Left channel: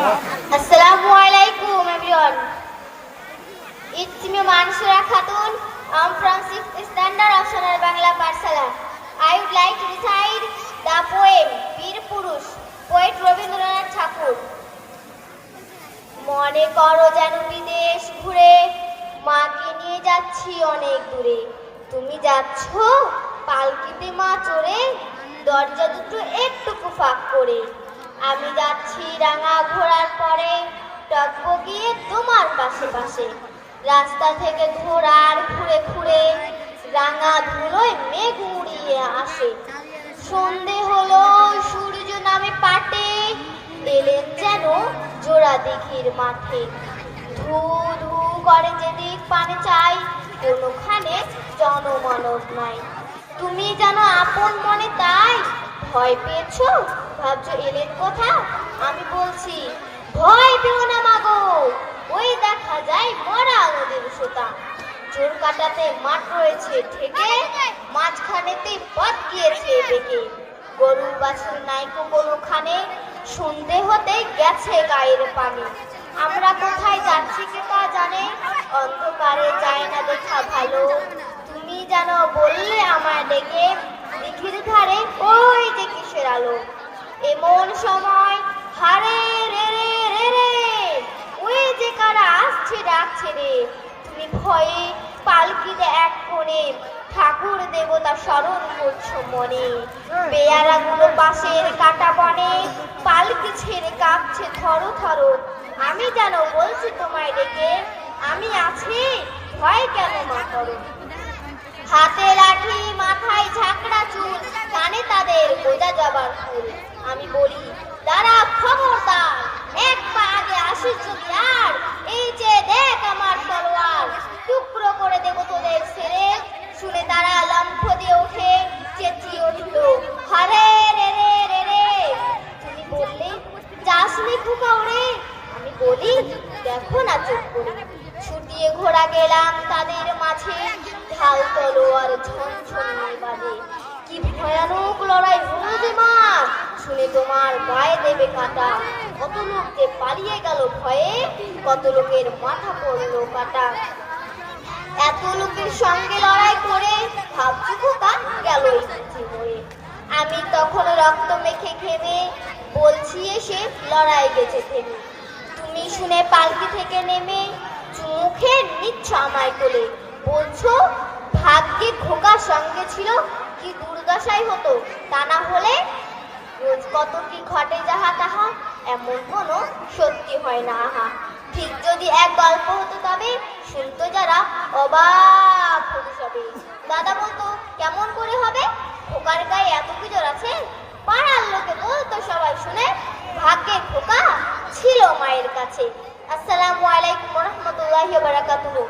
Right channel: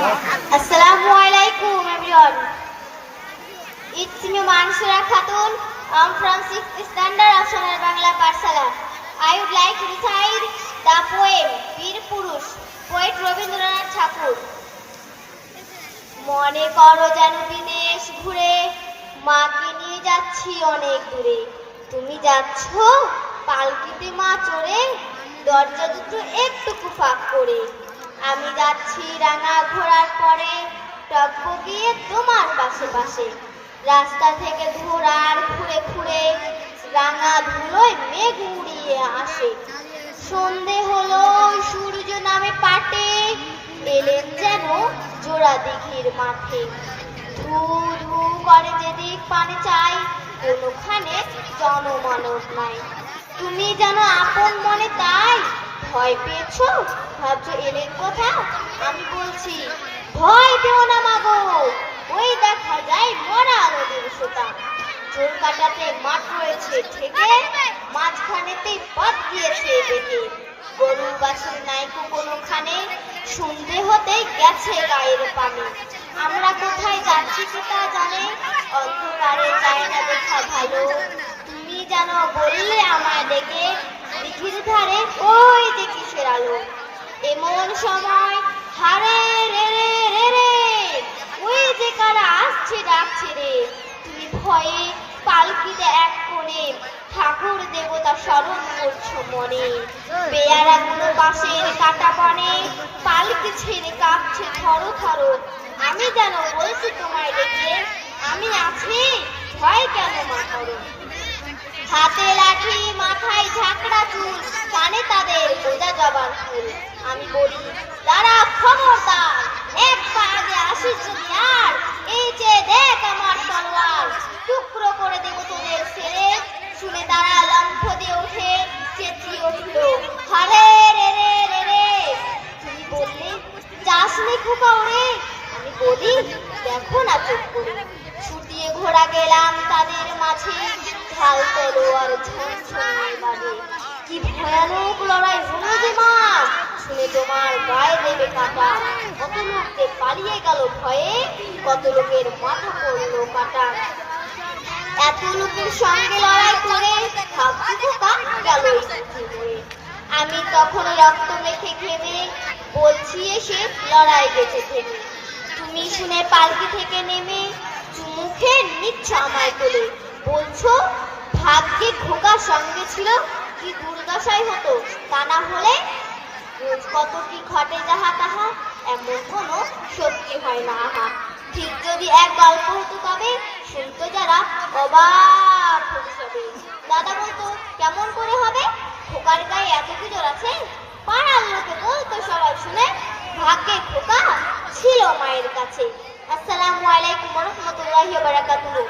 Assalamu alaikum everyone. It's me Mansura Khatun. I'm from 6th standard of Sonar Bangla Parsala. I would like to recite the poem Bir Purush, poet Rabindranath Tagore. মনে করো যেন বিদেশ ঘুরে মাকে নিয়ে যাচ্ছি অনেক দূরে। তুমি যাচ্ছ পালকিতে মা চড়ে, দরজা দুটো একটুকু ফাঁক করে। আমি যাচ্ছি রাঙা ঘোড়ার পরে, টকবগিয়ে তোমার পাশে পাশে। রাস্তা থেকে ঘোড়ার ঘুরে ঘুরে রাঙা ধুলোয় মেঘ উড়িয়ে আসে। সন্ধে হলো, সূর্য নামে পাটে, এলেন যেন জোড়া দিঘির মাঠে। ধু ধু করে যেদিক পানে চাই, কোনোখানে জনমানব নাই। তুমি যেন আপন মনে তাই ভয় পেয়েছো, ভাবছো এলেন কথা। আমি বলছি ভয় পেও না মাগো, ওই দেখা যায় মরা নদীর সোতা। জোর কাটাতে মাঠ রয়েছে ঠেকে, মাঝখানেতে পথ দিয়েছে বেঁকে। গরু বাছুর নাইকো কোনোখানে, সন্ধে হতে গেছে গায়ের পানি। আমরা কোথায় যাচ্ছি কি তা জানে, অন্ধকারে যায় না দেখা ভালো। তুমি যেন বললে আমায় ডেকে, দিঘির ধারে ওই যে কিসের আলো। এমন সময় হারে রে রে রে রে, ওই যে কারা আসছে ডাকছে রে। তুমি ভয়ে পালকিতে এক কোণে ঠাকুর দেবতা স্মরণ করছো মনে। পেয়ারাগুলো বাঁশের কাটা বনে, পালকি ছেড়ে কাঁপছে থরো থরো। আমি যেন বলছি তোমায় ডেকে, আমি আছি, ভয় কেন মা করো। হাতে লাঠি, মাথায় ঝাঁকড়া চুল, কানে তাদের গোজা জবার ফুল। আমি বলি তারা খবরদার, এক পা আগে আসিস যদি আর, এই যে দেখ আমার তলোয়ার, টুকরো করে দেব তোদের ছেড়ে। শুনে তারা লম্ফ দিয়ে উঠে চেঁচিয়ে উঠল হারে রে রে রে রে। তুমি বললে যাস নে খোকা ওরে। আমি বলি দেখো না চুপ করে। ছুটিয়ে ঘোড়া গেলাম তাদের মাঝে, ঢাল তলোয়ার ঝনঝনিয়ে বাজে। কি ভয়ানক লড়াই হলো যে মা, শুনে তোমার গায়ে দেবে কাটা। কত লোক যে পালিয়ে গেল ভয়ে, কত লোকের মাথা পড়লো কাটা। এত লোকের সঙ্গে লড়াই করে ভাবছি খোকা গেল মরে। আমি তখন রক্ত মেখে ঘেমে বলছি এসে লড়াই গেছে থেমে। তুমি শুনে পালকি থেকে নেমে মুখে নিচ্ছ আমায় কোলে, বলছো ভাগ্যে খোকার সঙ্গে ছিল, কি দুর্দশাই হতো তা না হলে। রোজ কত কি ঘটে যাহা তাহা, এমন কোনো সত্যি হয় না আহা। ঠিক যদি এক গল্প হতো তবে শুনতো যারা অবাক হতে যাবে। দাদা বলতো কেমন করে হবে, খোকার গায়ে এত কি জোর আছে। পাড়ার লোকে বলতো সবাই শুনে, ভাগ্যে খোকা ছিল মায়ের কাছে। আসসালামু আলাইকুম ওয়া রাহমাতুল্লাহি ওয়া বারাকাতুহু।